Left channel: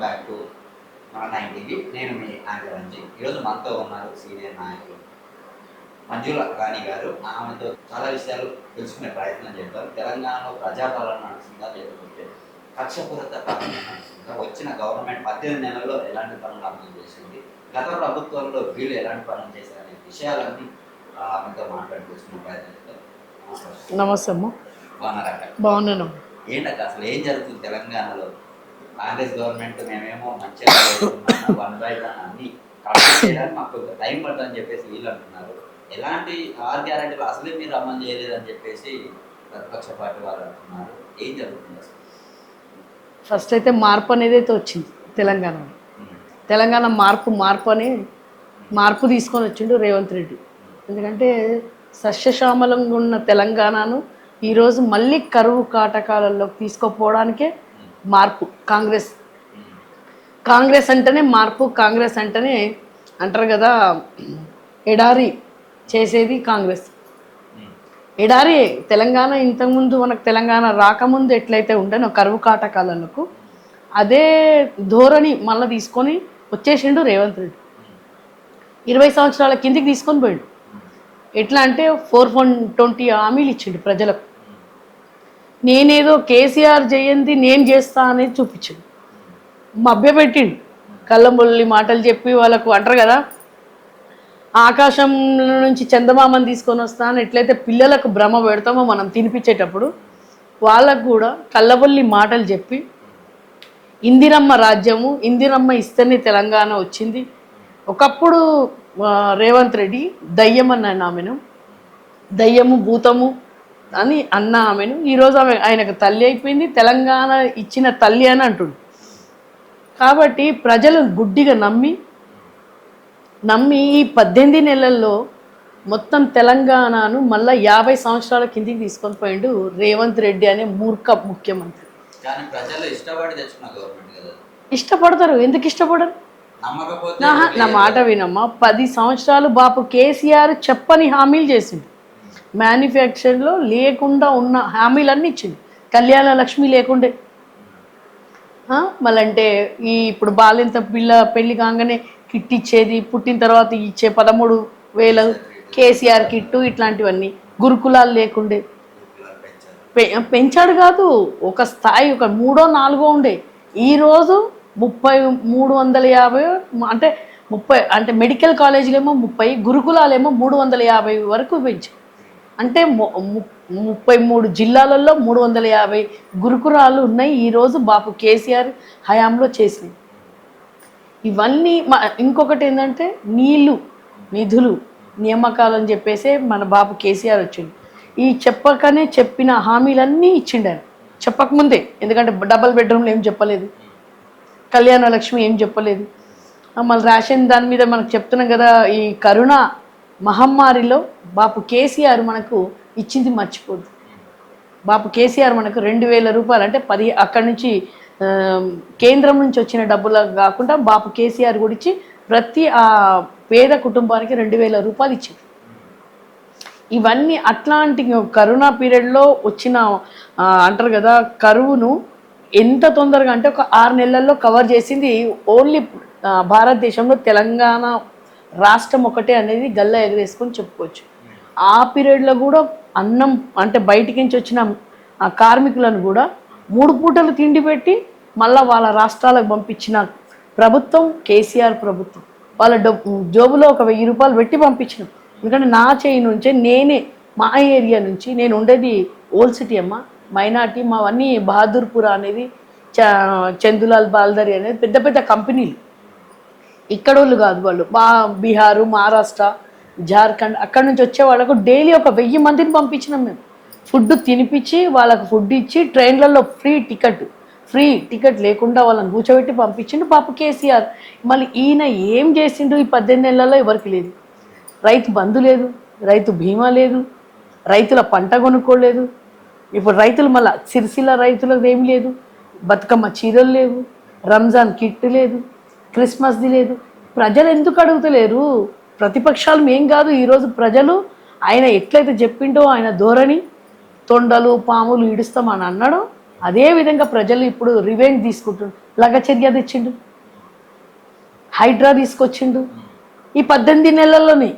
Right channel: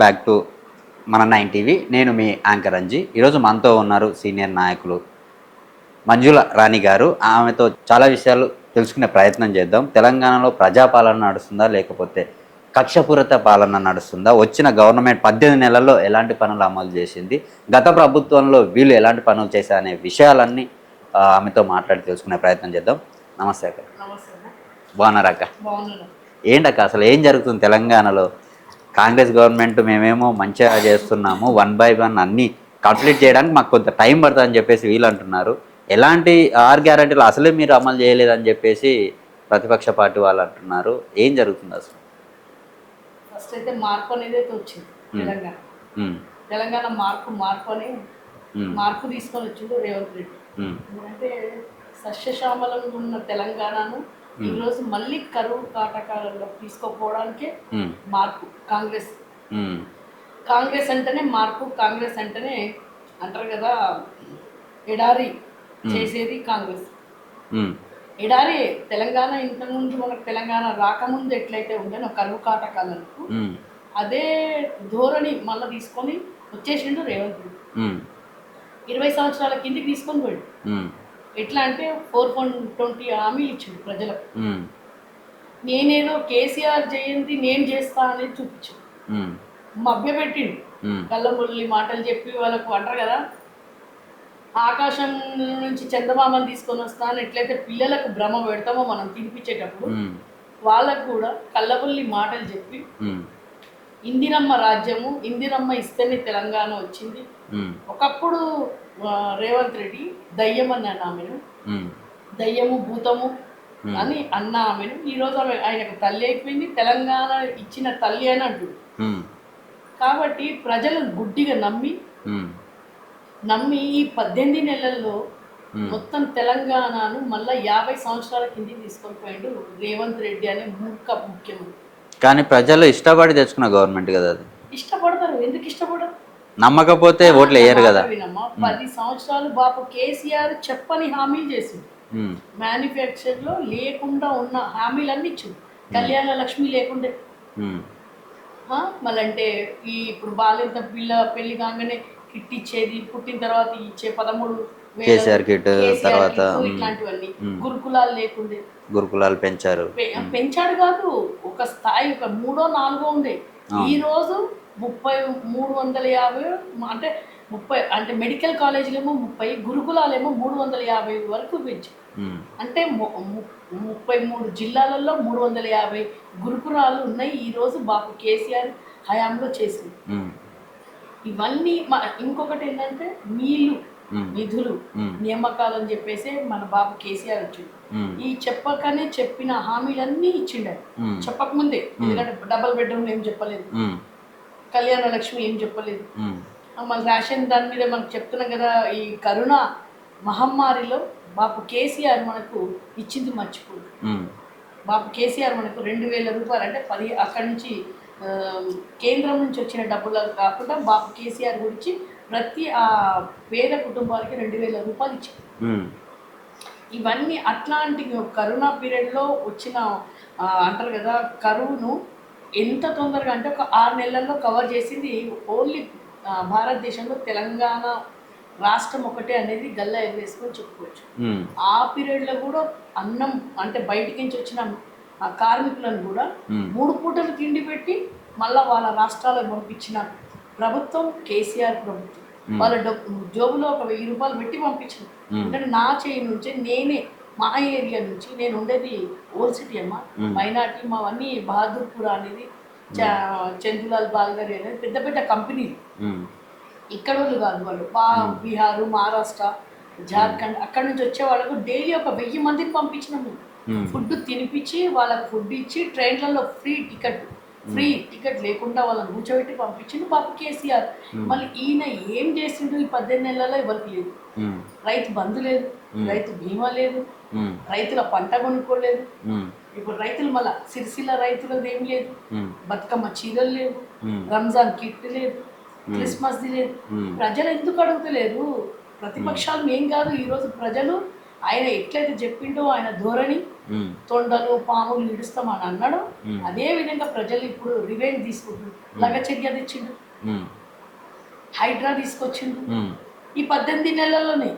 Back to మన 9 TV. నేను మీ anchor Anji. ఈరోజు మనతో ఉన్నారు సీనియర్ నాయకులు మంజుల రాణి గారు. ఆమెతో చాలా విషయాలు తెలుసుకునే ప్రయత్నం చేద్దాం. తెలంగాణలో ప్రజాపాలన నడుస్తుందా, లేకపోతే కక్షపూరిత పాలన నడుస్తుందా, వచ్చిన గవర్నమెంట్ 18 నెలల్లో ఎలాంటి పనులు అమలు చేసింది, గత ప్రభుత్వంలో వీళ్ళు ఎలాంటి పనులు చేశారనే విషయాలన్నీ ఆమెతో మాట్లాడి తెలుసుకునే ప్రయత్నం చేద్దాం. నమస్తే అక్క. నమస్తే అమ్మ. బాగున్నారా అక్క? బాగున్నాను. ఏంటక్క అసలు ఏం జరుగుతుంది తెలంగాణలో? కాంగ్రెస్ గవర్నమెంట్ మేమేమో మంచిగా చేస్తున్నాము, 1 by 1 అన్నీ కంప్లీట్ చేయడానికి మాకు కొంత టైం పడుతుందని చెప్పేసి వీళ్ళు అంటున్నారు. ఎలాంటి 6 గ్యారెంటీలు అసలే మీరు అమలు చేయలేదని చెప్పేసి ప్రతిపక్ష పార్టీ వాళ్ళు అంటున్నారు. ఏం జరుగుతుంది అసలు? ఫస్ట్ అయితే మార్పు అనేది అయితే వచ్చింది తెలంగాణలో. తెలంగాణ మార్పు అని మార్పు తీసుకొని వచ్చిండు రేవంత్ రెడ్డి. ఎందుకంటే సస్యశ్యామలంగా ఉన్న తెలంగాణను ఈరోజు మళ్ళీ కరువు కాటకాలలో తీసుకుపోవడానికే మార్పు. కాంగ్రెస్ అంటేనే మార్పు, కాంగ్రెస్ అంటేనే అంటారు కదా ఎడారి చేసేది కాంగ్రెస్. ఎడారి తెలంగాణ ఇంతకుముందు మనకు తెలంగాణ రాకముందు ఎట్లయితే ఉండేనో కరువు కాటకాలకు అదే ధోరణి మళ్ళీ తీసుకొని వచ్చేసిండు రేవంత్ రెడ్డి. 20 సంవత్సరాల కిందికి తీసుకొని పోయాడు. ఎట్లా అంటే 420 హామీలు ఇచ్చిండు ప్రజలకు. నేనేదో కేసీఆర్ చేయండి నేను చేస్తా అనేది చూపించిండు, మభ్యపెట్టిండు. కళ్ళముల్లి మాటలు చెప్పి వాళ్ళకు అంటారు కదా ఆకాశం నుంచి చందమామని తీసుకొని వస్తాను ఎట్లయితే పిల్లలకు భ్రమ పెడతామో మనం తినిపించేటప్పుడు వాళ్ళకు కూడా కళ్ళబొల్లి మాటలు చెప్పి ఇందిరమ్మ రాజ్యము, ఇందిరమ్మ ఇస్తేనే తెలంగాణ వచ్చింది. ఒకప్పుడు రేవంత్ రెడ్డి దయ్యం అన్న ఆమెను, దయ్యము భూతము అని అన్న ఆమెను. ఈరోజు ఆమె ఆయనకు తల్లి అయిపోయింది, తెలంగాణ ఇచ్చిన తల్లి అని అంటుండు. కాబట్టి ప్రజలు గుడ్డిగా నమ్మి ఈ 18 నెలల్లో మొత్తం తెలంగాణను మళ్ళా 50 సంవత్సరాల కిందికి తీసుకొని పోయిండు రేవంత్ రెడ్డి అనే మూర్ఖ ముఖ్యమంత్రి. కానీ ప్రజలు ఇష్టపడి తెచ్చుకున్న గవర్నమెంట్ కదా అది. ఇష్టపడతారు, ఎందుకు ఇష్టపడరు? నమ్మకపోతే ఓట్లు వేయరు కదా. వినమ్మా, 10 సంవత్సరాలు బాపు కేసీఆర్ చెప్పని హామీలు చేసిండు. మ్యానుఫ్యాక్చరింగ్ లో లేకుండా ఉన్న హామీలన్నీ ఇచ్చిండు. కళ్యాణ లక్ష్మి లేకుండే, మళ్ళంటే ఈ ఇప్పుడు బాలింత పిల్ల పెళ్లి కాగానే కిట్ ఇచ్చేది, పుట్టిన తర్వాత ఇచ్చే 13,000 కేసీఆర్ కిట్, ఇట్లాంటివన్నీ. గురుకులాలు లేకుండే, గురుకులాలు పెంచాడు కాదు, ఒక స్థాయి ఒక 3ో 4ో ఉండే. ఈ రోజు 350 అంటే 30 అంటే మెడికల్ కాలేజీలేమో 30, గురుకులాలేమో 350 వరకు పెంచారు. అంటే 33 జిల్లాలలో 350 గురుకులాలు ఉన్నాయి ఈ రోజు బాపు కేసీఆర్ హయాంలో చేసినాయి. ఇవన్నీ ఇంకొకటి ఏంటంటే నీళ్లు, నిధులు, నియామకాలు అని చెప్పేసి మన బాపు కేసీఆర్ వచ్చిండు. ఈ చెప్పకనే చెప్పిన హామీలన్నీ ఇచ్చిండు ఆయన చెప్పకముందే. ఎందుకంటే డబుల్ బెడ్రూమ్లు ఏం చెప్పలేదు, కళ్యాణ లక్ష్మి ఏం చెప్పలేదు. మళ్ళీ రేషన్ దాని మీద మనకు చెప్తున్నాం కదా. ఈ కరోనా మహమ్మారిలో బాపు కేసీఆర్ మనకు ఇచ్చింది మర్చిపోద్దు. బాపు కేసీఆర్ మనకు 2,000 రూపాయలు అంటే 10 అక్కడి నుంచి కేంద్రం నుంచి వచ్చిన డబ్బులు కాకుండా బాపు కేసీఆర్ కూడా ఇచ్చి ప్రతి ఆ పేద కుటుంబానికి 2,000 రూపాయలు ఇచ్చింది. ఇవన్నీ అట్లాంటి కరోనా పీరియడ్లో వచ్చిన అంటారు కదా కరువును ఎంత తొందరగా అంటే ఒక 6 నెలల్లో కవర్ చేసింది ఓన్లీ భారతదేశంలో తెలంగాణ రాష్ట్రం ఒకటే అనేది గల్లా ఎగరేసుకొని చెప్పుకోవచ్చు. ఆ పీరియడ్లో కూడా అన్నం అంటే బయటికి నుంచి వచ్చిన ఆ కార్మికులను కూడా 3 పూటలు తిండి పెట్టి మళ్ళా వాళ్ళ రాష్ట్రాలకు పంపించిన ప్రభుత్వం కేసీఆర్ ప్రభుత్వం. వాళ్ళ జోబులో ఒక 1000 రూపాయలు పెట్టి పంపించిన. ఎందుకంటే నా చేయి నుంచే నేనే మా ఏరియా నుంచి, నేను ఉండేది ఓల్డ్ సిటీ అమ్మ, మైనార్టీ, మావన్నీ బహదూర్పుర అనేది, చందులాల్ బాల్దరి అనేది పెద్ద పెద్ద కంపెనీలు. ఇక్కడ వాళ్ళు కాదు, వాళ్ళు బీహారు, మహారాష్ట్ర, జార్ఖండ్ అక్కడ నుంచి వచ్చే వాళ్ళకు డైలీ ఒక 1000 మందిని పంపించినాం మేము. ఫుడ్ తినిపించి వాళ్ళకు ఫుడ్ ఇచ్చి ట్రైన్లలో ఫ్రీ టికెట్ లేకుండా వాళ్ళని కూర్చోబెట్టి పంపించిండు పాప కేసీఆర్. మళ్ళీ ఈయన ఏం చేసిండు ఈ 18 నెలల్లో ఎవరికి లేదు. రైతు బంధు లేదు, రైతు బీమా లేదు, రైతుల పంట కొనుక్కోలేదు. ఇప్పుడు రైతులు మళ్ళా సిరిసిల్ల రైతులకు ఏం లేదు, బతుకమ్మ చీరలు లేవు, రంజాన్ కిట్ లేదు, క్రిస్మస్ది లేదు. ప్రజలు ఎందుకు అడుగుతలేరు? ప్రతిపక్షాలు మేం కాదు, ఈరోజు ప్రజలు ఆయన ఎట్లయితే చెప్పిండో ఆయన ధోరణి తొండలు పాములు ఇడుస్తామని అన్నాడు. అదే విధంగా ప్రజలు ఇప్పుడు రివెంజ్ తీసుకుంటుండ్రు. లగచర్య తెచ్చిండు, హైడ్రా తీసుకొచ్చిండు ఈ 18 నెలల్లోనే.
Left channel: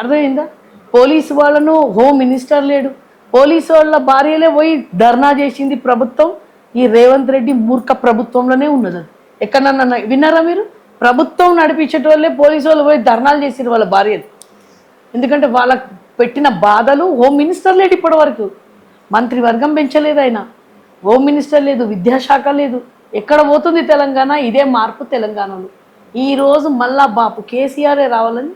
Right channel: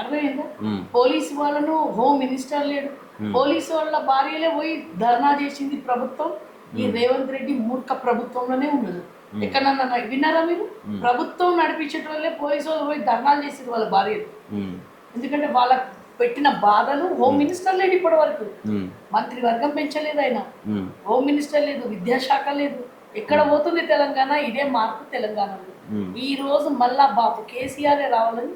అర్థమైందా? పోలీసు వాళ్ళను హోమ్ మినిస్టర్ లేడు, పోలీసు వాళ్ళ భార్యలే పోయి ధర్నా చేసింది ప్రభుత్వం. ఈ రేవంత్ రెడ్డి మూర్ఖ ప్రభుత్వంలోనే ఉన్నది. ఎక్కడన్నా విన్నారా మీరు? ప్రభుత్వం నడిపించే వాళ్ళే పోలీసు వాళ్ళు పోయి ధర్నాలు చేసిరు వాళ్ళ భార్యలు. ఎందుకంటే వాళ్ళకు పెట్టిన బాధలు హోమ్ మినిస్టర్ లేడు ఇప్పటి వరకు, మంత్రివర్గం పెంచలేదు ఆయన, హోమ్ మినిస్టర్ లేదు, విద్యాశాఖ లేదు. ఎక్కడ పోతుంది తెలంగాణ? ఇదే మార్పు తెలంగాణలో. ఈ రోజు మళ్ళా బాపు కేసీఆర్ రావాలని.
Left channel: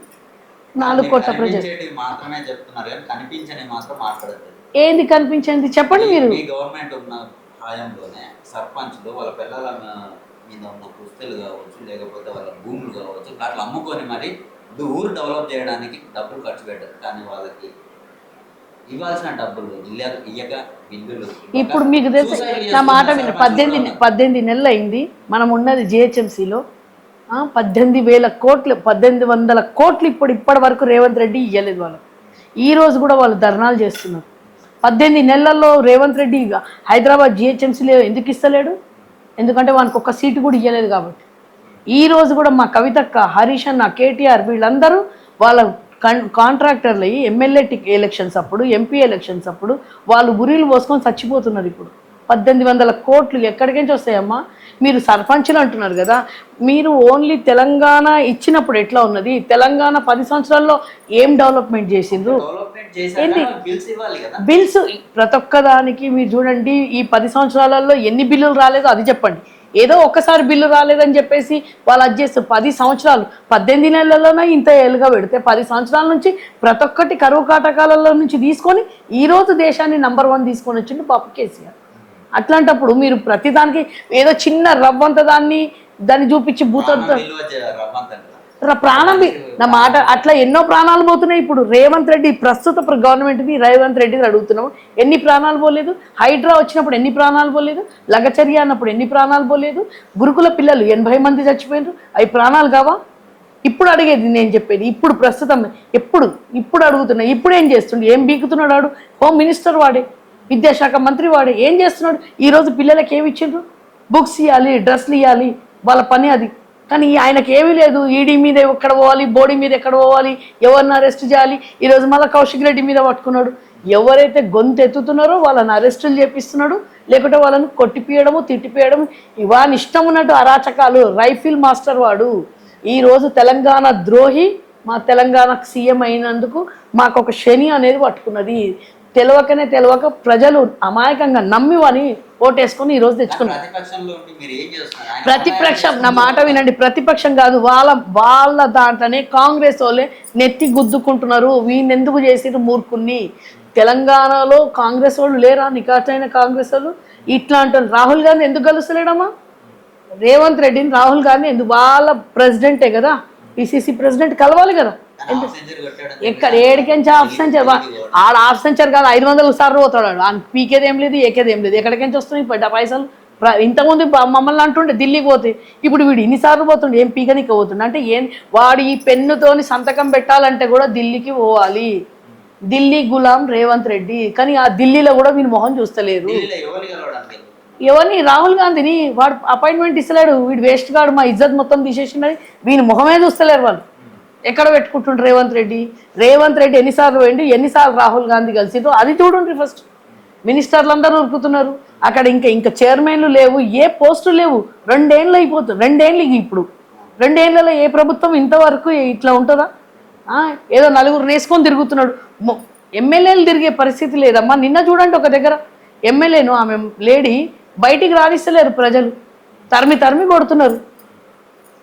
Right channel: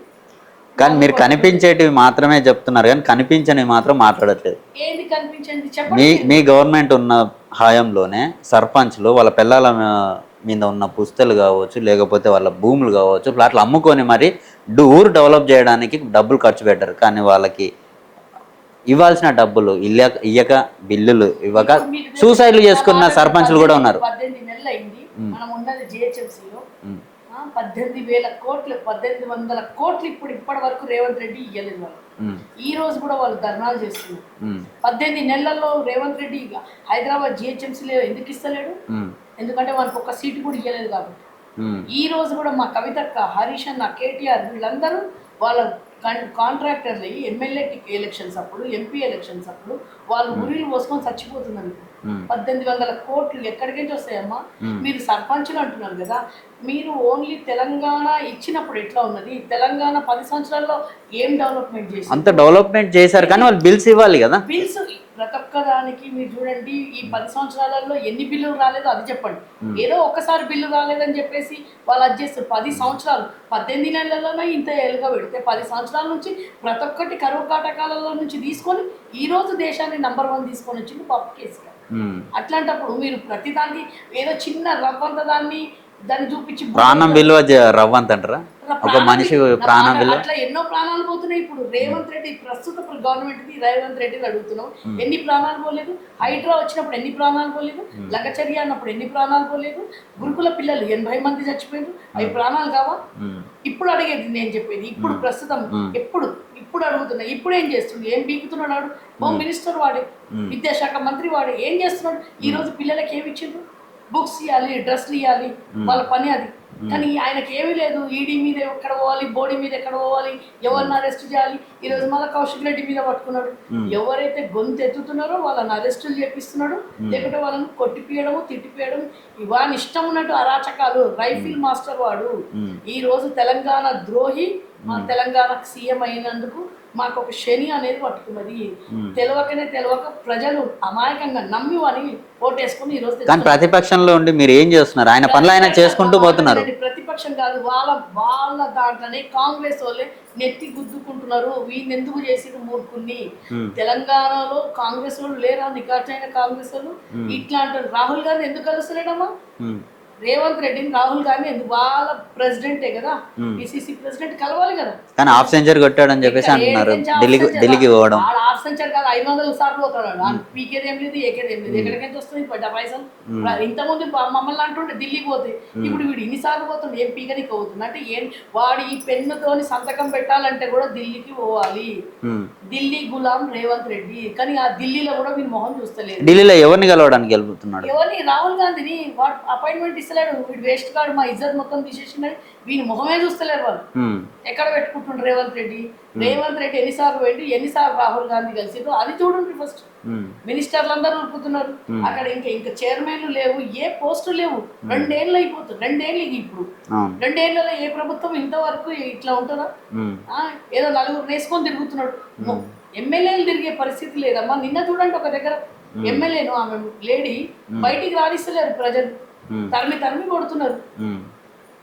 కానీ మీరు కనిపించేటివి మాత్రమే చెప్తున్నారు, కానీ కనిపించనివి మాత్రం మాట్లాడట్లేదు. ఏంది కనిపించింది చెప్పండి. మీ గవర్నమెంట్ ఉన్న హయాంలోనే సర్పంచ్లు వాళ్ళ పిల్లల మీద ఉన్న పుస్తలు కావచ్చు, లేకపోతే వాళ్ళ భూములు కావచ్చు, ప్లాట్లు అమ్ముకొని మరి ఊరు డెవలప్ చేయడానికి డబ్బులు ఖర్చు పెట్టారు. కానీ వాళ్ళకి ఇవ్వాల్సిన డబ్బులు ఇయ్యక బిల్లులు ఇవ్వక సూసైడ్లు చేసుకున్న సర్పంచ్లు కూడా ఉన్నారు. 18 నెలలు అయింది మనం ఉన్నది జిహెచ్ఎంసీలో. 18,000 కోట్లు 1800 కోట్లు ఇప్పటి వరకు రేవంత్ రెడ్డి ఇయ్యలేదు వాళ్ళు. ఈ రోజు కూడా వాళ్ళు ధర్నాలు చేస్తున్నారు. 18 నెలల్లో రేవంత్ రెడ్డి హైదరాబాద్ జిహెచ్ఎంసీలో ఎందుకు ఇస్తలేడు? ఎందుకంటే వానికి ఒక్క సీటు కూడా ఇయ్యలేదు కాబట్టి. ఈ రోజు కూడా మా కవితక్క, హరీష్ అన్న, కేటీఆర్ వీళ్ళందరూ వాళ్ళ కాంట్రాక్టర్లు అయ్యి ఎమ్మెల్యే ఎలక్షన్స్ అప్పుడు, ఎంపీ ఎలక్షన్స్ అప్పుడు వాళ్ళు గురీలు పోసుకొని చచ్చిపోతున్నారు. ఇప్పుడు 1800 కోట్లు ఎక్కడికించి వస్తాయమ్మా? మీరు సర్పంచ్లు అంటున్నారు కదా, మీరు ఓన్లీ తెలంగాణ ఇచ్చినప్పుడు ఎట్లా ఉన్నది? తెలంగాణ 10 సంవత్సరాల్లో ఏం డెవలప్మెంట్ చేసింది? డెవలప్మెంట్ చేశారు కానీ వాళ్ళు బిల్స్ ఇవ్వాలి కదా. బిల్స్ ప్రతి ఒక్క దానికి మీరు చూడండి, ఈ 10 సంవత్సరాలలో ఎన్ని బిల్లులు రాలేదో అది చెప్పండి. ఏదో ఒక్కసారి బిల్లు రాలేదని చెప్పేసి వాళ్ళు అది చేస్తారు. 10 సంవత్సరాలు 18 నెలల్లోనే ఇంత ఏళ్ళుగా పెడితే 10 సంవత్సరాల నుంచి ప్రతి ఒక్కటి కరువు కాటకాలలో నుంచి తీసుకొని ఈ రోజు దేశాన్ని నంబర్ 1 తీసుకొని వచ్చింది పాప కేసీఆర్. అట్లాంటప్పుడు మీరు ప్రతిదానికి ఏదో చిన్న రవ్వంత దాన్ని చూపించి అట్లా ఎన్నో ప్రాణాలు పోతున్నాయి. ఇప్పుడు రేవంత్ రెడ్డి ప్రస్తుత గవర్నమెంట్ రేవంత్ రెడ్డి అడుగుతున్నాము, ఎన్ని ప్రాణాలు పోలేదు? హైడ్రా వచ్చినప్పుడు ఎన్ని ప్రాణాలు పోలేదు? లగచర్య అన్నప్పుడు ఎన్ని ప్రాణాలు పోలేదు? గురుకుల పిల్లలు 80 మంది చచ్చిపోయారు, అవి ప్రాణాలు కావా? ఇప్పుడు అడిగేది నేను చెప్పేది, ఇప్పుడు ప్రస్తుతం ఇప్పుడు అడుగుతున్నా. ఇప్పుడు ఏం చేస్తుండే? ఏం బీకుతున్నాడు వాడు? హోమ్ మినిస్టర్ వాడే, విద్యాశాఖ మంత్రి వాడే. ఏం చేస్తున్నాడు? ఈ రోజు పిల్లలకి ఏమి ఇచ్చిండ్రు? బుక్స్ ఇవ్వాలి, డ్రెస్లు ఇవ్వాలి, వాళ్ళ పని అది. కానీ ఆయనకి ఏమీ లేదు. ఈడీ మీద ఎక్కడ పోవాలి, బోడీ మీద ఎక్కడ పోవాలి, ఎవరిని అరెస్ట్ చేయాలి. ఈరోజు మళ్ళీ కౌశిక్ రెడ్డి మీద పట్టుకున్నాడు. ఎవరైతే గొంతు ఎత్తుతున్నారో వాళ్ళని అరెస్టులు చేపిస్తున్నాడు, లేకుంటే వాళ్ళని కొట్టిపియడము, తిట్టిపియడం, ఇవాని ఇష్టం ఉన్నట్టు అరాచకాలు. రైఫిల్ మాస్టర్ వాడు. ఈ రోజు తెలంగాణ ద్రోహి. మా తెలంగాణకు సీఎం అయినందుకు మాకు ఒక శని అనేది పట్టుకున్నది. తెలియక ప్రజలు అమాయకంగా నమ్మి అని ఓటేసుకుని ఈ రోజు ప్రతిపక్షంలో ఉండి మీరు ఏం చేస్తున్నారు? ఆయన పనులు ఆయన చేసుకుంటూ పోతున్నారు. ప్రతిపక్షం కాదు, వాళ్ళ దాంట్లోనే కాంగ్రెస్ వాళ్ళే నెత్తి గుద్దుకుంటున్నారు. వీళ్ళని ఎందుకు చేసిరు మూర్ఖుల్ని? తెలంగాణలో కాంగ్రెస్ వాళ్ళు లేరా? నికాచైన కాంగ్రెస్ వాళ్ళు ఇట్లా అంటారు. రాహుల్ గాంధీ ఎందుకు కలుస్తలేడమ్మా? రేవంత్ రెడ్డిని, రాహుల్ గాంధీ ఎందుకు? వాళ్ళ ప్రెసిడెంటే కదా, పిసిసి ప్రెసిడెంట్ కలవాలి కదా. హాఫ్ సెంచరీ కొట్టాడని చెప్పేసి ఆడ హాఫ్ సెంచరీ కాదు, 500 సార్లు పోతాడు. పీకేది ఏం లేదు, ఏకేది ఏం లేదు. ఎక్కడికించి వస్తున్నాయి పైసలు? ఇంతకుముందు మమ్మల్ని అంటుండే ఢిల్లీకి పోతే, ఇప్పుడు వీడు ఇన్నిసార్లు పోతుండే, ఏం పీకనికి పోతుండే అంటే ఏం? వాడు ఈ పెన్నుతోని సంతకం పెట్టాలంటే కూడా ఢిల్లీకి పోవాలి. ఢిల్లీ గులాం రేవంత్ రెడ్డి. కానీ ఆ ఢిల్లీలో కూడా వీళ్ళు మొహం చూస్తలేదు. ఢిల్లీలో ఎవరిని కలవడానికి వెళ్తున్నాడు? ఎవరిని? రాహుల్ గాంధీని. వాడు అపాయింట్మెంట్ ఇస్తలేడు. వీడు వేస్ట్ గాడు, మా ఇజ్జత్ మొత్తం తీసేసిండని వీని మొహమే చూస్తలేరు వాళ్ళు. ఎక్కడ పెట్టుకుంటుండ్రు రేవంత్ రెడ్డి ఎన్నిసార్లు పోయిండు, ఎన్నిసార్లు రాహుల్ గాంధీ కలిసిండ్రు అది చూడండి. ఫస్ట్ మినిస్టర్లు అందరూ ఉరుకుతున్నారు అక్కడ. ఇంకా చైర్మన్లు లేవు, ఏ పోస్టు లేవు. 2 ఏళ్ళు అయిపోతుంది. 2 ఏళ్ళు ఇప్పుడు 2 ఏళ్లలో ఏ ప్రభుత్వం ఇంతవరకు ఇట్లా ఉంటుందా? ఏదో నలుగురు నేసుకొని తిరుగుతున్నాడు. ఎమ్మెల్యేలు తిరిగే పరిస్థితి లేదమ్మా. నిన్న చూడండి ఒక దగ్గర ఎమ్మెల్యేను, ఆమె లేడీ బయటికి రాణిస్తలేరు. ప్రజలు తరిమి కొడుతున్నారు.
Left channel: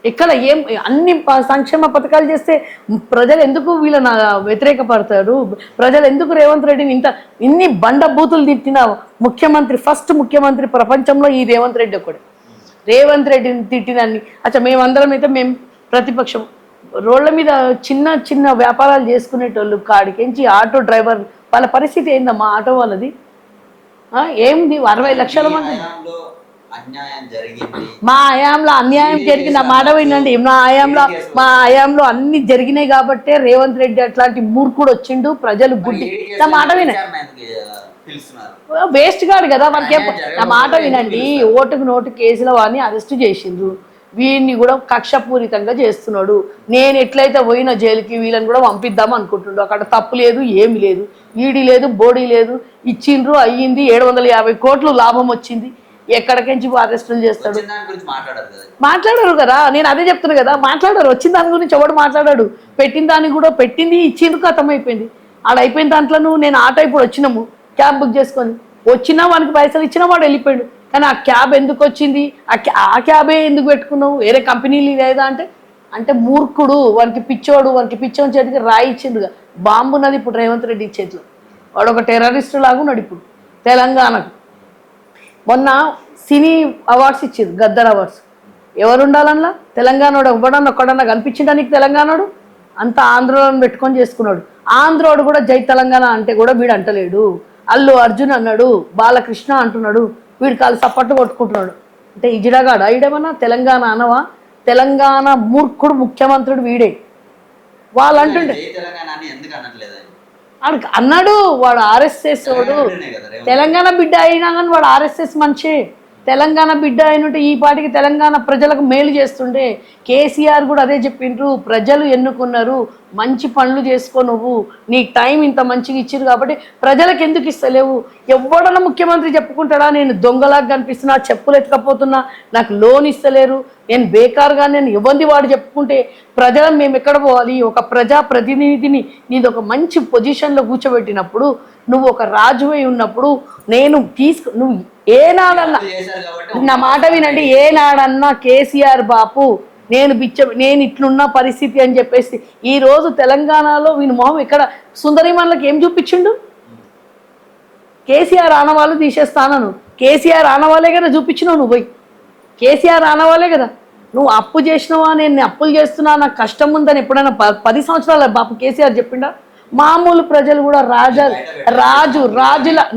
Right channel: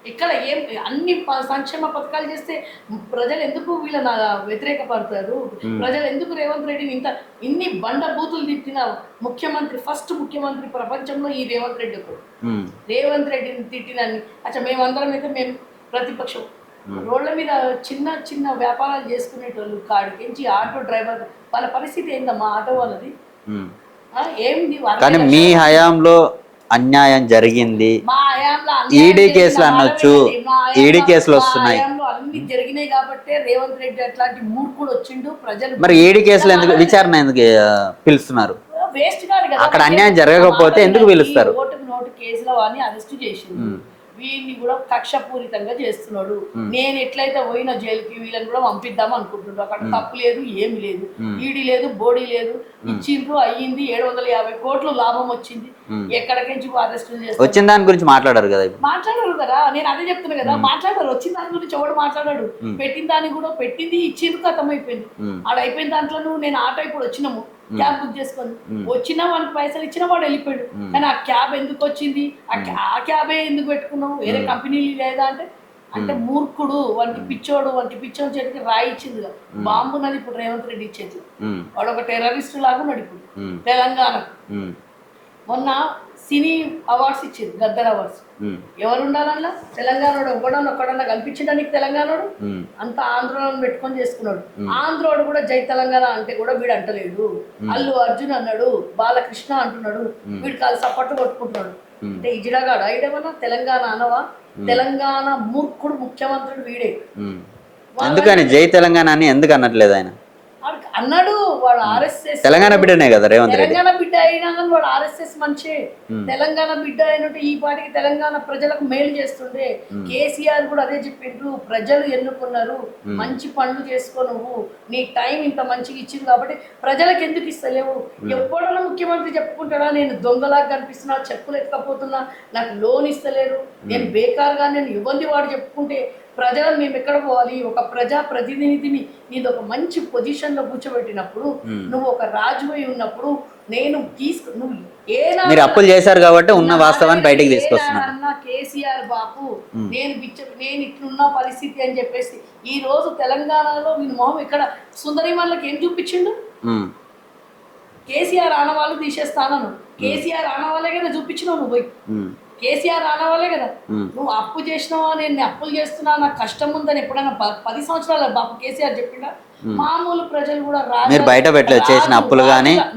ఇక్కడ ఏం అన్ని సంక్షేమ పథకాలు చేస్తే ప్రజలు ఎందుకు వీళ్ళని వ్యతిరేకపడతారు? ప్రజలు ఎందుకు రేవంత్ రెడ్డిని ఇన్ని బండబూతులు తిట్టిన ముఖ్యమంత్రి, ఫస్ట్ ముఖ్యమంత్రి ప్రపంచంలో ఈ రేవంత్ రెడ్డి ఒకడు. రేవంత్ రెడ్డిని తిట్టినన్ని మేమందరం అయితే మేము ప్రతిపక్షం. రోడ్ల మీద చిన్న చిన్న వ్యాపారాలు చేసుకునేటోళ్ళు కాడికించి ఆటో డ్రైవర్ వాళ్ళ పరిస్థితి ఏందమ్మా? ఆటో వాళ్ళది ఏంది? 60 లక్షల అన్యాయం జరిగింది, మా హయాంలో అన్యాయం ఈడీ జరిగిన కేసులు మాట అనొచ్చు, వినండి. ఈడీ కేసులు మా వస్తున్నాయి. హయాంలో అన్ని జరిగినాయి కాబట్టే రేవంత్ రెడ్డి అట్లాంటి మూర్ఖుడు వచ్చిండు. ప్రజలు మరి ఈడీ కేసులు నా మాట ఎందుకు వినండి. విచారణ ఎందుకు పిలుస్తున్నారు? వేస్ట్ గాడు కదా. అక్కడ వాడికి అన్యాయం నా జరగకపోతే మాట ఎందుకు వినండి. పిలుస్తారు? ఓటుకు నోటు కేసులో వాడిని అరెస్ట్ చేసిండు. వీడిని కూడా కక్షపూరితంగా చేస్తున్నాడు. నేను ఎట్లయితే పోయిన జైలుకి వీళ్ళని కూడా పంపిద్దాం అనుకుంటుండు. అక్కడ తప్పు లేదు, ఏమి లేదు, ఈడీ లేదు, బోడీ లేదు. ఇచ్చిండ్రు, అయ్యింది, 750 కోట్లు లాభం వచ్చింది. ఎక్కడికించి అరెస్టులు చేస్తారు? వచ్చిన దాని గురించి మాట్లాడారు కదా. మాట్లాడారు కదా, నేను అదే చెప్తున్నా కదా. మాట్లాడారు, వచ్చిన దాని గురించి ఎవడు మాట్లాడాడు? పెట్టిన దాన్ని కూడా పెట్టింది, ఇచ్చిండ్రు, కథం అయిపోయింది. ఆడ అయిపోయిన దాంట్లో నేను ఆటో ఇప్పుడు వచ్చినాము క్యాబ్ బుక్ చేసుకొని వచ్చినా వానికి పైసలు ఇచ్చినా వాడు వెళ్ళిపోయాడు. కానీ ఆ క్యాబ్ ఎందుకు వచ్చింది? ఆ క్యాబే ఎందుకు పెట్టుకున్నావు? వేరే కంపెనీలు లేదా అంటే అంటే మూర్ఖుడు, వానికి పిచ్చోడు, వానికి పిచ్చోని చేతికి రాయి ఇచ్చిండు. బాంబు ఉన్నది ఇప్పుడు రేవంత్ రెడ్డి చేతిలో. వాడు ఒక టెర్రరిస్ట్ లాగా ఉన్నాడు ఇప్పుడు తెలంగాణకు. మొన్న సినీ అవార్డ్స్ ఇచ్చింది, గద్దర్ అవార్డ్స్. ఎవరు ఉండాలన్నా తెలంగాణోడు ఒక్కడన్నా కనిపించిండా నీకు? తెలంగాణోడు అంత ఆంధ్రోని పెట్టుకొని చేసుకున్నాడు. ఆంధ్రోడు కూడా జై తెలంగాణ అంటే కూడా వీడు అంటలేడు. అల్లు అర్జున్ అన్నాడు, బాలకృష్ణ అంటున్నాడు, వీడి కాలు సప్పట్లు కొట్టుకుంటున్నాడు. అంటే ఇజిడగాడు ఐడమన్నా తెలంగాణ అనవా? తెలంగాణ మూర్ఖుడు ముఖ్యమంత్రుడు వీడే. అందుకని జై తెలంగాణ అని ఎందుకు అనట్లేదు ఆయన? అన్నాడు వాడు ఆర్ఎస్ఎస్ తెలంగాణ బిడ్డనే కదా రేవంత్ రెడ్డి. తెలంగాణ బిడ్డ అయినా కానీ వాడు ఆర్ఎస్ఎస్ మనిషి. తెలంగాణ బిడ్డ అయినట్టు ఈ పాటికి తెలంగాణ ప్రజలకు మేలు చేస్తుండే. కేసీఆర్ కూడా అదే చెప్పిండ్రు, ప్రజలు ఎన్నుకున్నారు, మంచి పనులు చేసుకో, నువ్వు నీకు టైం ఇంత మంచిగా ఇచ్చిరు కాబట్టి ప్రజలకు ఎందుకు ఇస్తలేవు? ఎవడన్నా ముఖ్యమంత్రి చెప్పుకుంటాడా నేను దొంగలాగా కనిపిస్తున్నా, చెప్పులు ఎత్తుకపోతున్నా, నాకు లోన్ ఇస్తలేరు, నేను బేకార్గా, నేను ఇవ్వంది వాడు చెప్పుకుంటే ప్రజలను మేము ఎక్కడ పోవాలి? ఒక ప్రజా ప్రతినిధిని నీది ఒక మంచి పొజిషన్ లో కూర్చోబెట్టినప్పుడు, నువ్వు ఒక రాజువై ఉన్నప్పుడు నేను నువ్వు ఏనాడన్నా కేసీఆర్ బాపు నేను ఇట్లున్న పరిస్థితి అని చెప్పేసి ఈ రోజు తెలంగాణలో వీని మొహం ఇక్కడ సుందరిమన్లకు ఏం చూపించిండు? కేసీఆర్ ఆనవాళ్ళు తీసేస్తానను. కేసీఆర్ ఆనవాళ్ళే కదా చూపించినావు నువ్వు పోయి. కేసీఆర్ ఆనవాళ్ళే కదా. నువ్వు అప్పు చేసినావా, నేను అప్పులు చేస్తున్నా, నాకు కష్టం ఉందని ఎప్పుడైనా 10 సంవత్సరాల బాపు కేసీఆర్ చెప్పిండా? మామూలు ప్రజలు కూడా రాజు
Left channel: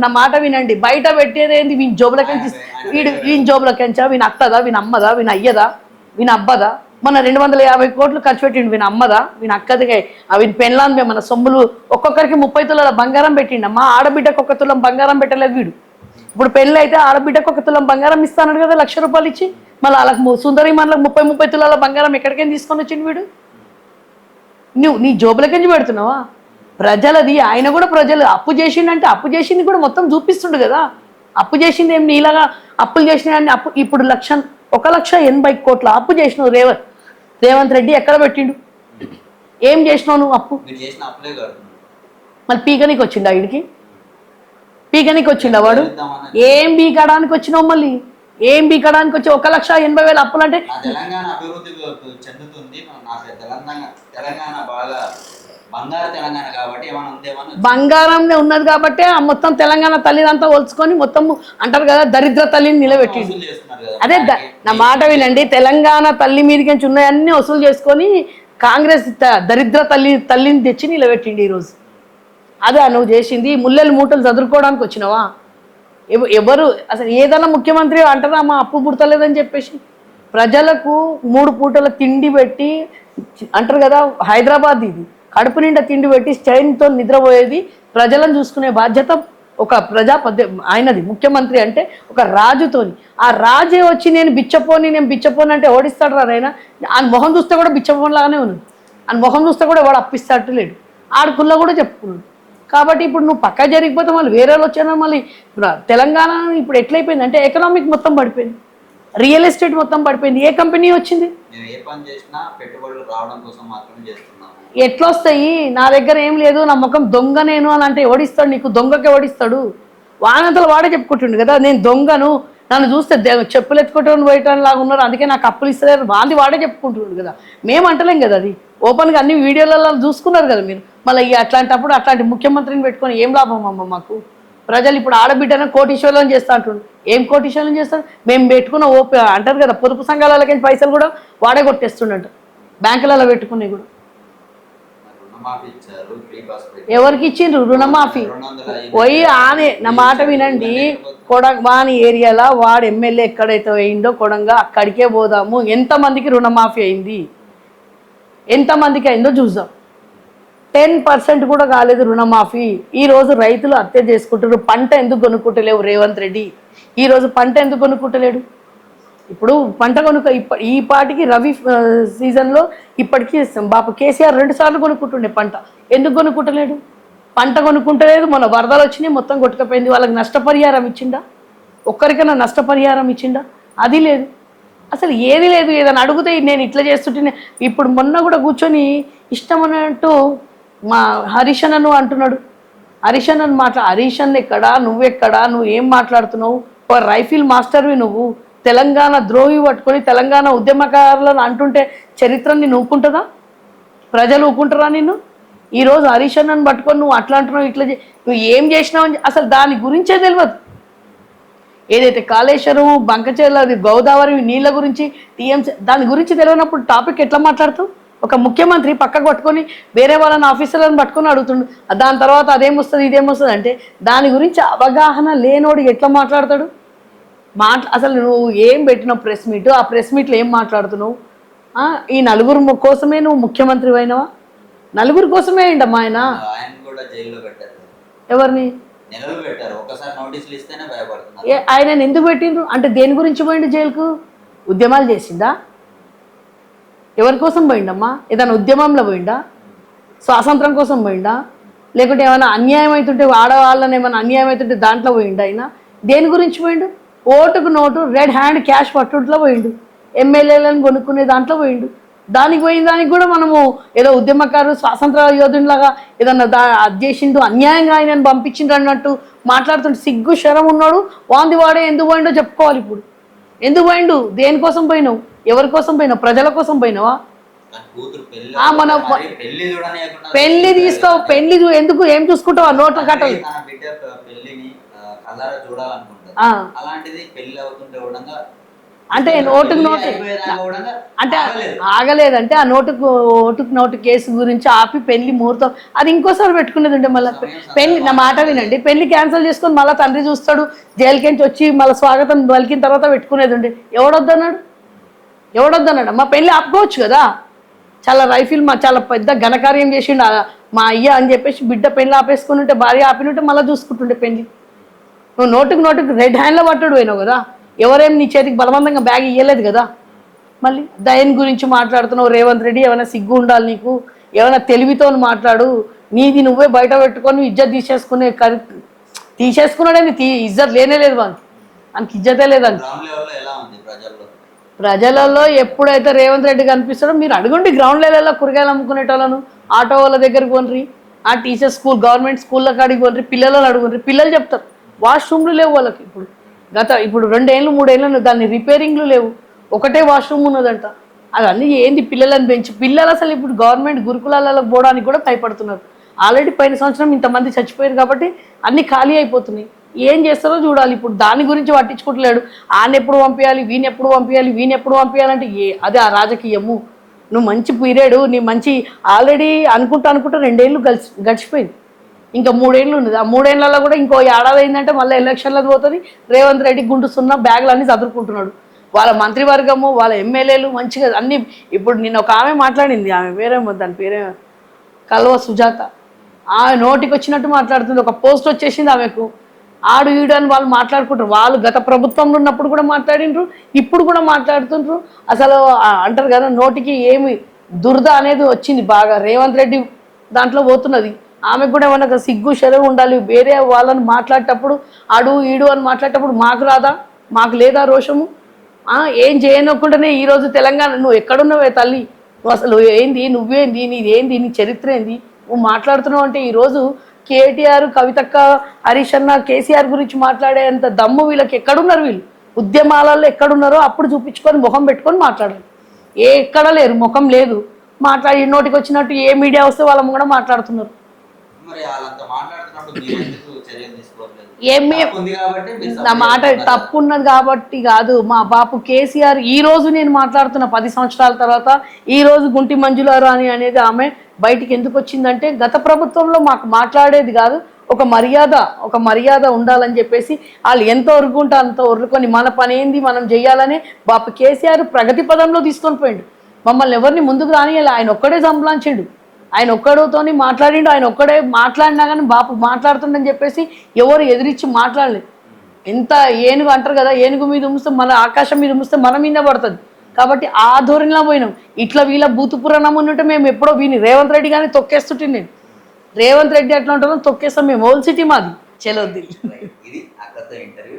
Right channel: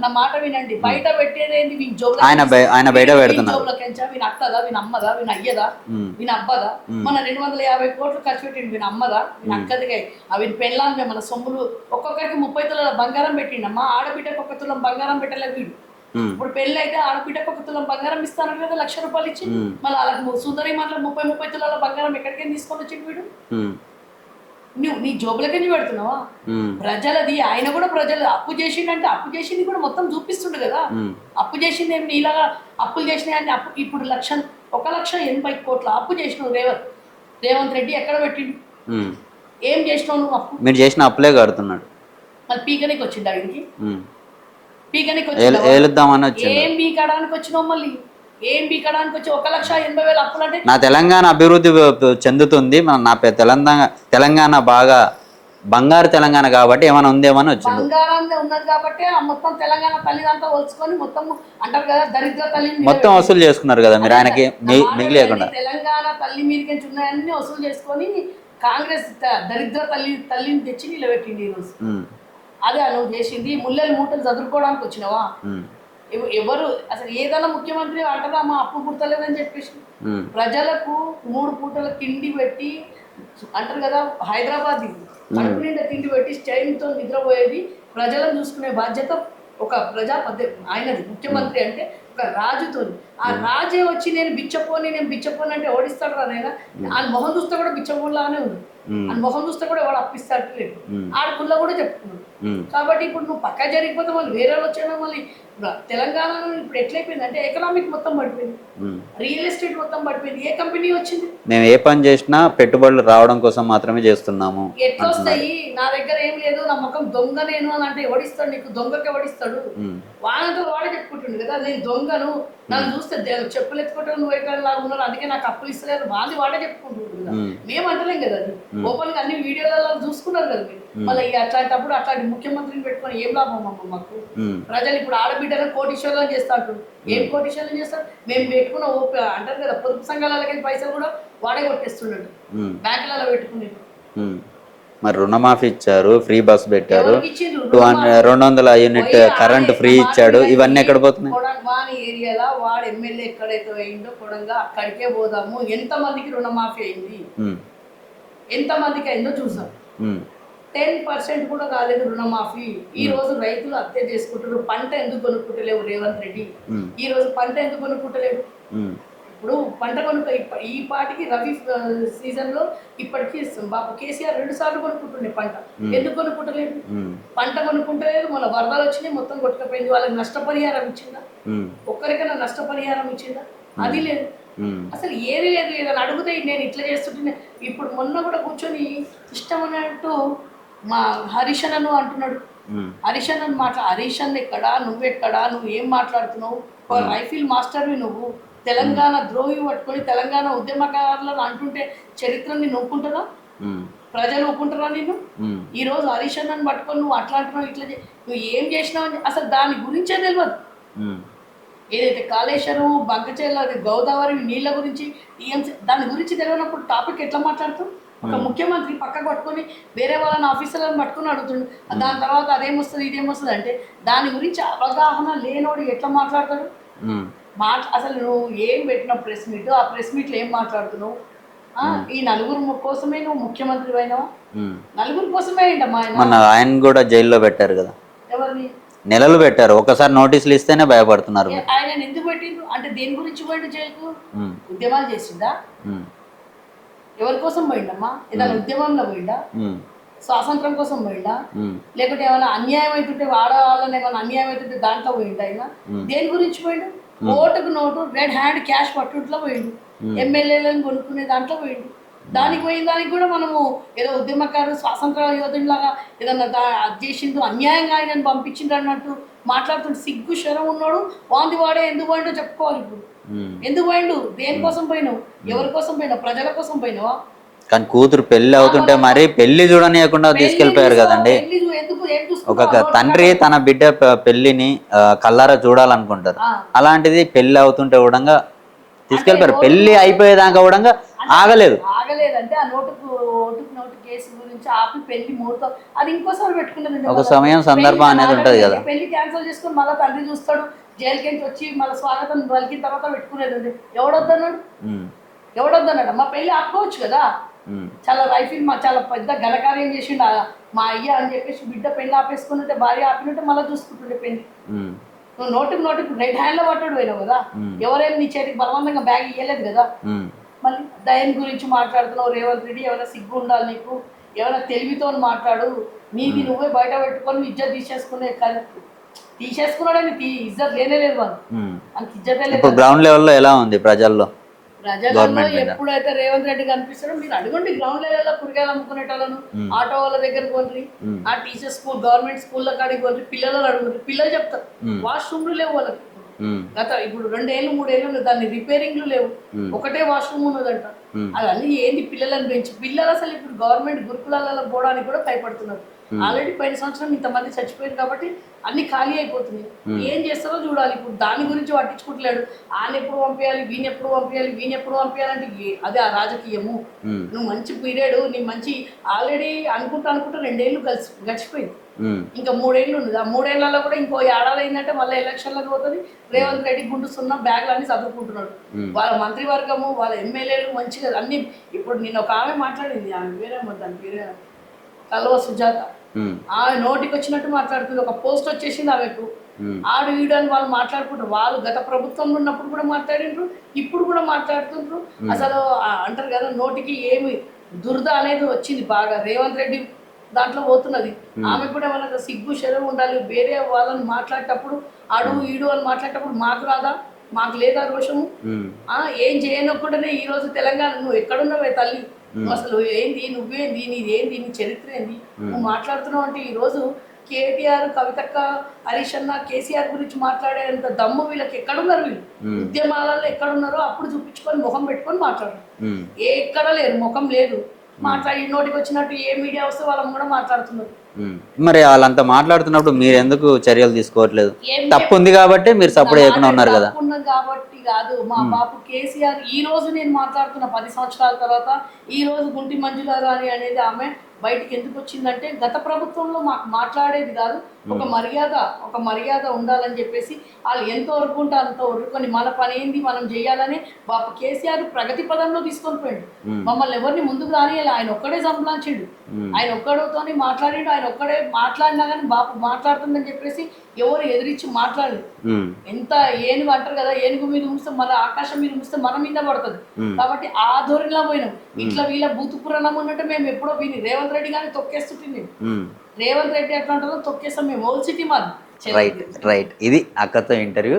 నా మాట వినండి, బయట పెట్టేది ఏంది? వీని జోబులకి ఎంచా, వీని అత్తదా, వీని అమ్మదా, వీని అయ్యదా, వీని అబ్బదా? మన 250 కోట్లు ఖర్చు పెట్టిండు, వీని అమ్మదా, వీని అక్కదిగా వీని పెళ్ళాన్ని మన సొమ్ములు ఒక్కొక్కరికి 30 తులాల బంగారం పెట్టిండు. మా ఆడబిడ్డకు 1 తులం బంగారం పెట్టలేదు వీడు. ఇప్పుడు పెళ్లి అయితే ఆడబిడ్డకు 1 తులం బంగారం ఇస్తాడు కదా, 1,00,000 రూపాయలు ఇచ్చి. మళ్ళీ వాళ్ళకి సుందరి మనలకు 30 తులాల బంగారం ఎక్కడికైనా తీసుకొని వచ్చిండు వీడు. నువ్వు నీ జోబులకెంచి పెడుతున్నావా? ప్రజలది. ఆయన కూడా ప్రజలు అప్పు చేసిండంటే అప్పు చేసింది కూడా మొత్తం చూపిస్తుండు కదా. అప్పు చేసింది ఏం నీలాగా అప్పులు చేసినాయని అప్పు ఇప్పుడు 1,80 కోట్ల అప్పు చేసినావు రేవంత్ రెడ్డి ఎక్కడ పెట్టిండు? ఏం చేసినావు నువ్వు? అప్పు మీరు చేసిన అప్పులే కడుతున్నాడు. మళ్ళీ పీకనికి వచ్చిండు వీడికి, పీకనికి వచ్చిందా? ఏం పీకడానికి వచ్చినావు? మళ్ళీ ఏం బీకడానికి వచ్చి 1,80,000 అప్పులు అంటే నా తెలంగాణ అభివృద్ధి చెందుతుంది, నా తెలంగాణ బాగా బంగారు తెలంగాణ కాబట్టి ఏమైనా ఉందేమని బంగారంనే ఉన్నది కాబట్టి ఆ మొత్తం తెలంగాణ తల్లిదంతా ఒలుచుకొని మొత్తం అంటారు కదా దరిద్ర తల్లిని నిలబెట్టి వసూలు చేసుకున్నారు కదా. నా మాట వినండి, తెలంగాణ తల్లి మీదకి ఉన్నాయన్నీ వసూలు చేసుకొని కాంగ్రెస్ దరిద్ర తల్లిని తెచ్చి నిలబెట్టిండి ఈరోజు. అదే నువ్వు చేసింది. ముల్లెలు మూటలు చదువుకోవడానికి వచ్చినావా? ఎవరు అసలు ఏదైనా ముఖ్యమంత్రి అంటారా మా అప్పు పుడతలేదని చెప్పేసి? ప్రజలకు 3 పూటల తిండి పెట్టి అంటారు కదా, హైదరాబాద్ ఇది కడుపు నిండా తిండి పెట్టి స్టైన్తో నిద్రపోయేది ప్రజలను చూసుకునే బాధ్యత ఒక ఆయనది. ముఖ్యమంత్రి అంటే ఒక రాజుతోని. ఆ రాజే వచ్చి నేను బిచ్చపోని అంటే ఓడిస్తాడు రా ఆయన. ఆయన మొహం చూస్తే కూడా బిచ్చపోని లాగానే ఉంది. ఆయన మొహం చూస్తే కూడా వాడు అప్పిస్తాడు లేడు. ఆడుకుల్లా కూడా చెప్పుకున్నాడు. కాబట్టి ఇప్పుడు నువ్వు పక్క జరిగిపోతే మళ్ళీ వేరే వాళ్ళు వచ్చాను. మళ్ళీ తెలంగాణ ఇప్పుడు ఎట్లయిపోయింది అంటే ఎకనామిక్ మొత్తం పడిపోయింది, రియల్ ఎస్టేట్ మొత్తం పడిపోయింది. ఏ కంపెనీ వచ్చింది? మేము ఏ పని చేసినా పెట్టుబడులు రావడం కోసం మాత్రమే చేస్తున్నాము. ఎట్లా వస్తాయి? నా దగ్గర ఏం లేదు, నా ముఖం దొంగ నేను అని అంటే ఓడిస్తాడు నీకు? దొంగకి ఓడిస్తాడు. వానంతలు వాడే చెప్పుకుంటుండు కదా నేను దొంగను, నన్ను చూస్తే చెప్పులు ఎత్తుకుంటూ పోయటం లాగా ఉన్నారు, అందుకే నాకు అప్పులు ఇస్తలేరు, వాడే చెప్పుకుంటున్నాడు కదా. మేము అంటలేం కదా, అది ఓపెన్ గా అన్ని వీడియోలలో చూసుకున్నారు కదా మీరు. మళ్ళీ అట్లాంటప్పుడు అట్లాంటి ముఖ్యమంత్రిని పెట్టుకొని ఏం లాభం అమ్మ మాకు? ప్రజలు ఇప్పుడు ఆడబిడ్డను కోటీశ్వరులను చేస్తా అంటుండ్రు. ఏం కోటీశ్వరులను చేస్తారు? మేము పెట్టుకున్న అంటారు కదా పొదుపు సంఘాలకి పైసలు కూడా వాడే కొట్టేస్తుండట, బ్యాంకులలో పెట్టుకునేవి కూడా. మరి రుణమాఫీ ఇచ్చారు, ఫ్రీ బస్ పెట్టారు, ఎవరికి ఇచ్చిండ్రు రుణమాఫీ? 200 యూనిట్ పోయి కరెంట్ ఫ్రీ మాట ఇచ్చాడు. వినండి, ఇవన్నీ ఎక్కడ పోతున్నాయి? వాని ఏరియాలో వాడు ఎమ్మెల్యే ఎక్కడైతే వేయిండో కొడంగా అక్కడికే పోదాము. ఎంత మందికి రుణమాఫీ అయింది, ఎంత మందికి అయిందో చూద్దాం. 10% కూడా కాలేదు రుణమాఫీ. ఈ రోజు రైతులు హత్య చేసుకుంటారు. పంట ఎందుకు కొనుక్కుంటలేవు రేవంత్ రెడ్డి? ఈ రోజు పంట ఎందుకు కొనుక్కుంటలేడు? ఇప్పుడు పంట ఈ పాటికి రవి సీజన్ లో ఇప్పటికీ బాప కేసీఆర్ 2 సార్లు కొనుక్కుంటుండే పంట. ఎందుకు కొనుక్కుంటలేడు? పంట కొనుక్కుంటలేదు. మన వరదలు వచ్చినాయి, మొత్తం కొట్టుకపోయింది. వాళ్ళకి నష్టపరిహారం ఇచ్చిండా? ఒక్కరికైనా నష్టపరిహారం ఇచ్చిండా? అది లేదు, అసలు ఏది లేదు. ఏదైనా అడిగితే నేను ఇట్లా చేస్తుంటే, ఇప్పుడు మొన్న కూడా కూర్చొని ఇష్టం అన్నట్టు మా హరీష్ అన్నను అంటున్నాడు. హరీష్ అన్నను హరీష్ అన్న ఎక్కడా, నువ్వెక్కడా, నువ్వు ఏం మాట్లాడుతున్నావు? రైఫిల్ మాస్టర్వి నువ్వు. తెలంగాణ ద్రోహి పట్టుకొని తెలంగాణ ఉద్యమకారులను అంటుంటే చరిత్రని నూకుంటుందా? ప్రజలు ఊకుంటారా నిన్ను? ఈ రోజు హరీష్ అన్నను పట్టుకొని నువ్వు అట్లా అంటున్నావు, ఇట్లా నువ్వు ఏం చేసినావు అని అసలు దాని గురించే తెలియదు. ఏదైతే కాళేశ్వరం, బంకచెర్ల, గోదావరి నీళ్ళ గురించి, టీఎంసీ దాని గురించి తెలియనప్పుడు టాపిక్ ఎట్లా మాట్లాడుతావు? ఒక ముఖ్యమంత్రి పక్కకు పట్టుకొని వేరే వాళ్ళని ఆఫీసర్లను పట్టుకొని అడుగుతుండు. దాని తర్వాత అదేమొస్తుంది ఇదేమొస్తుంది అంటే దాని గురించి అవగాహన లేనోడు ఎట్లా మాట్లాడతాడు? అసలు నువ్వు ఏం పెట్టిన ప్రెస్ మీట్, ఆ ప్రెస్ మీట్లో ఏం మాట్లాడుతున్నావు? ఈ నలుగురు కోసమే నువ్వు ముఖ్యమంత్రి అయినవా? నలుగురు కోసమే అయిందమ్మా ఆయన కూడా జైల్లో పెట్టారు కదా. ఎవరిని? నెలలు పెట్టారు. ఒకసారి నోటీసులు ఇస్తేనే భయపడుతున్నారు. ఆయన ఎందుకు పెట్టిండ్రు అంటే దేని గురించి పోయిండు జైలుకు? ఉద్యమాలు చేసిందా? ఎవరి కోసం పోయిండమ్మా? ఏదైనా ఉద్యమంలో పోయిండా? స్వాతంత్రం కోసం పోయిండా? లేకుంటే ఏమైనా అన్యాయం అవుతుంటే ఆడవాళ్ళని ఏమైనా అన్యాయం అవుతుంటే దాంట్లో పోయిండా? ఆయన దేని గురించి పోయిండు? ఓటుకు నోటు, రెడ్ హ్యాండ్ క్యాష్ పట్టుట్లో పోయిండు. ఎమ్మెల్యేలను కొనుక్కునే దాంట్లో పోయిండు. దానికి పోయిన దానికి కూడా మనము ఏదో ఉద్యమకారు స్వాతంత్ర యోధునిలాగా ఏదన్నా అది చేసిండు, అన్యాయంగా ఆయన పంపించిండు అన్నట్టు మాట్లాడుతుంటే సిగ్గు శరం ఉన్నాడు. వాంది వాడే ఎందుకు పోయిండో చెప్పుకోవాలి. ఇప్పుడు ఎందుకు పోయిండు? దేనికోసం పోయినావు? ఎవరి కోసం పోయినావు? ప్రజల కోసం పోయినావా? కానీ కూతురు పెళ్లి అవుతుంటే మరి పెళ్లి చూడనియకుండా పెళ్లి ఎందుకు ఏం చూసుకుంటావు? తండ్రి తన బిడ్డ పెళ్లిని కల్లారా చూడాలనుకుంటారు. అలాంటిది పెళ్లి అవుతుంటే కూడా పెళ్లి అయిపోయేదాకా కూడా ఆగలేదంటే ఆ ఓటుకు నోటు కేసు గురించి ఆపి పెళ్లి ముహూర్తం అది ఇంకోసారి పెట్టుకునేది ఉంటే మళ్ళీ పెళ్లి క్యాన్సిల్ చేసుకొని మళ్ళీ తండ్రి చూస్తాడు. జైలుకించి వచ్చి మళ్ళీ స్వాగతం పలికిన తర్వాత పెట్టుకునేది ఉండే. ఎవడొద్దన్నాడు? మా పెళ్లి ఆపుకోవచ్చు కదా. చాలా రైఫిల్ చాలా పెద్ద ఘనకార్యం చేసిండు మా అయ్య అని చెప్పేసి బిడ్డ పెళ్లి ఆపేసుకుని ఉంటే, భార్య ఆపినుంటే మళ్ళీ చూసుకుంటుండే పెళ్లి. నువ్వు నోటుకు రెడ్ హ్యాండ్ లో పట్టుడు పోయినావు కదా. ఎవరేం నీ చేతికి బలవంతంగా బ్యాగ్ ఇయ్యలేదు కదా. మళ్ళీ దయన్ గురించి మాట్లాడుతున్నావు. రేవంత్ రెడ్డి ఏమైనా సిగ్గు ఉండాలి నీకు, ఏమైనా తెలివితో మాట్లాడు. నీది నువ్వే బయట పెట్టుకొని ఇజ్జత్ తీసేసుకున్నాడని ఇజ్జత్ లేనే లేదు వాళ్ళకి ఇజ్జతే లేదు. గ్రౌండ్ లెవెల్లో ఎలా ఉంది ప్రజలలో ఎప్పుడైతే రేవంత్ రెడ్డి కనిపిస్తాడో మీరు అడగండి. గ్రౌండ్ లెవెల్లో కూరగాయలు అమ్ముకునేటోళ్ళను, ఆటో వాళ్ళ దగ్గరికి పోండ్రి, ఆ టీచర్ స్కూల్ గవర్నమెంట్ స్కూల్లో కాడికి పోండ్రి, పిల్లలను అడుగుండ్రి. పిల్లలు చెప్తారు వాష్రూమ్లు లేవు వాళ్ళకి. ఇప్పుడు 2 ఏళ్ళు 3 ఏళ్ళు దాన్ని రిపేరింగ్లు లేవు, ఒకటే వాష్రూమ్ ఉన్నదంట. అవన్నీ ఏంది? పిల్లలను పెంచి పిల్లలు అసలు ఇప్పుడు గవర్నమెంట్ గురుకులాలకు పోవడానికి కూడా భయపడుతున్నారు. ఆల్రెడీ పోయిన సంవత్సరం ఇంతమంది చచ్చిపోయారు కాబట్టి అన్ని ఖాళీ అయిపోతున్నాయి. ఏం చేస్తారో చూడాలి. ఇప్పుడు దాని గురించి పట్టించుకుంటలేడు. ఆయన ఎప్పుడు పంపించాలి, వీని ఎప్పుడు పంపించాలంటే అదే ఆ రాజకీయము. నువ్వు మంచి పీరియడ్, నీ మంచి ఆల్రెడీ అనుకుంటా 2 ఏళ్ళు గడిచిపోయింది. ఇంకా 3 ఏళ్ళు ఉన్నది. ఆ 3 ఏళ్లలో కూడా ఇంకో ఏడాది అయిందంటే మళ్ళీ ఎలక్షన్లకు పోతుంది. రేవంత్ రెడ్డి గుండుస్తున్న బ్యాగులు అన్ని చదువుకుంటున్నాడు. వాళ్ళ మంత్రివర్గము, వాళ్ళ ఎమ్మెల్యేలు మంచిగా అన్ని. ఇప్పుడు నిన్న ఒక ఆమె మాట్లాడింది, ఆమె పేరేమో, దాని పేరే కల్వ సుజాత. ఆమె నోటికి వచ్చినట్టు మాట్లాడుతుంది. ఒక పోస్ట్ వచ్చేసింది ఆమెకు. ఆడు ఈడు అని వాళ్ళు మాట్లాడుకుంటారు. వాళ్ళు గత ప్రభుత్వంలో ఉన్నప్పుడు కూడా మాట్లాడిండ్రు, ఇప్పుడు కూడా మాట్లాడుతుండ్రు. అసలు అంటారు కదా, నోటికి ఏమి దురద అనేది వచ్చింది బాగా. రేవంత్ రెడ్డి దాంట్లో పోతున్నది. ఆమెకు కూడా ఏమన్నా సిగ్గు శరం ఉండాలి. వేరే వాళ్ళని మాట్లాడేటప్పుడు ఆడు ఈడు అని మాట్లాడేటప్పుడు మాకు రాదా? మాకు లేదా రోషము? ఏం చేయనకుండానే ఈ రోజు తెలంగాణ నువ్వు ఎక్కడున్నావే తల్లి? నువ్వు అసలు ఏంది? నువ్వేంది? నీదేంది? నీ చరిత్ర ఏంది? నువ్వు మాట్లాడుతున్నావు అంటే ఈ రోజు కేటీఆర్, కవితక్క, హరీష్ అన్న, కేసీఆర్ గురించి మాట్లాడేంత దమ్ము వీళ్ళకి ఎక్కడున్నారు? వీళ్ళు ఉద్యమాలలో ఎక్కడున్నారో అప్పుడు చూపించుకొని ముఖం పెట్టుకొని మాట్లాడారు. ఎక్కడ లేరు, ముఖం లేదు. మాట్లాడి నోటికి వచ్చినట్టు ఏ మీడియా వస్తే వాళ్ళని కూడా మాట్లాడుతున్నారు. మరి వాళ్ళంతా మాట్లాడుతున్నప్పుడు మీరు ఎందుకు చర్యలు తీసుకోవట్లేదు? తప్పు ఉంది కాబట్టి మీరు సపోర్ట్ చేస్తున్నారు కదా. తప్పు ఉన్నది కాబట్టి కాదు. మా బాపు కేసీఆర్ ఈ రోజు నేను మాట్లాడుతున్న 10 సంవత్సరాల తర్వాత ఈ రోజు గుంటి మంజుల రాణి అనేది ఆమె బయటికి ఎందుకు వచ్చిందంటే గత ప్రభుత్వంలో మాకు మాట్లాడేది కాదు, ఒక మర్యాద ఉండాలని చెప్పేసి వాళ్ళు ఎంత ఒరుకుంటే అంత ఒరుకొని మన పని ఏంది మనం చెయ్యాలని బాపు కేసీఆర్ ప్రగతి పదంలో తీసుకొని పోయిండు. మమ్మల్ని ఎవరిని ముందుకు రానియాలి, ఆయన ఒక్కడే సంప్లాంచిండు, ఆయన ఒక్కడితోని మాట్లాడిండు, ఆయన ఒక్కడే మాట్లాడినా కానీ బాపు మాట్లాడుతుండని చెప్పేసి ఎవరు ఎదిరించి మాట్లాడలేదు. ఎంత ఏనుగు అంటారు కదా, ఏనుగు మీద ఉమ్మిస్తే మన ఆకాశం మీద ఉమ్మిస్తే మన మీద పడుతుంది. కాబట్టి ఆ ధోరణిలో పోయినాం. ఇట్లా వీళ్ళ బూతు పురాణం ఉన్నట్టు మేము ఎప్పుడో విని రేవంత్ రెడ్డి కానీ తొక్కేస్తుంటే నేను రేవంత్ రెడ్డి ఎట్లా ఉంటామో తొక్కేస్తాం మేము. ఓల్డ్ సిటీ మాది. రైట్, ఇది అక్కతో ఇంటర్వ్యూ.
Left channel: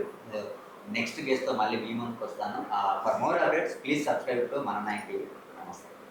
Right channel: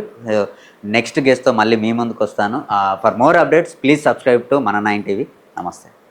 నెక్స్ట్ గెస్ట్తో మళ్ళీ మీ ముందుకు వస్తాను. For more updates please subscribe to మన 9 టీవీ. నమస్తే.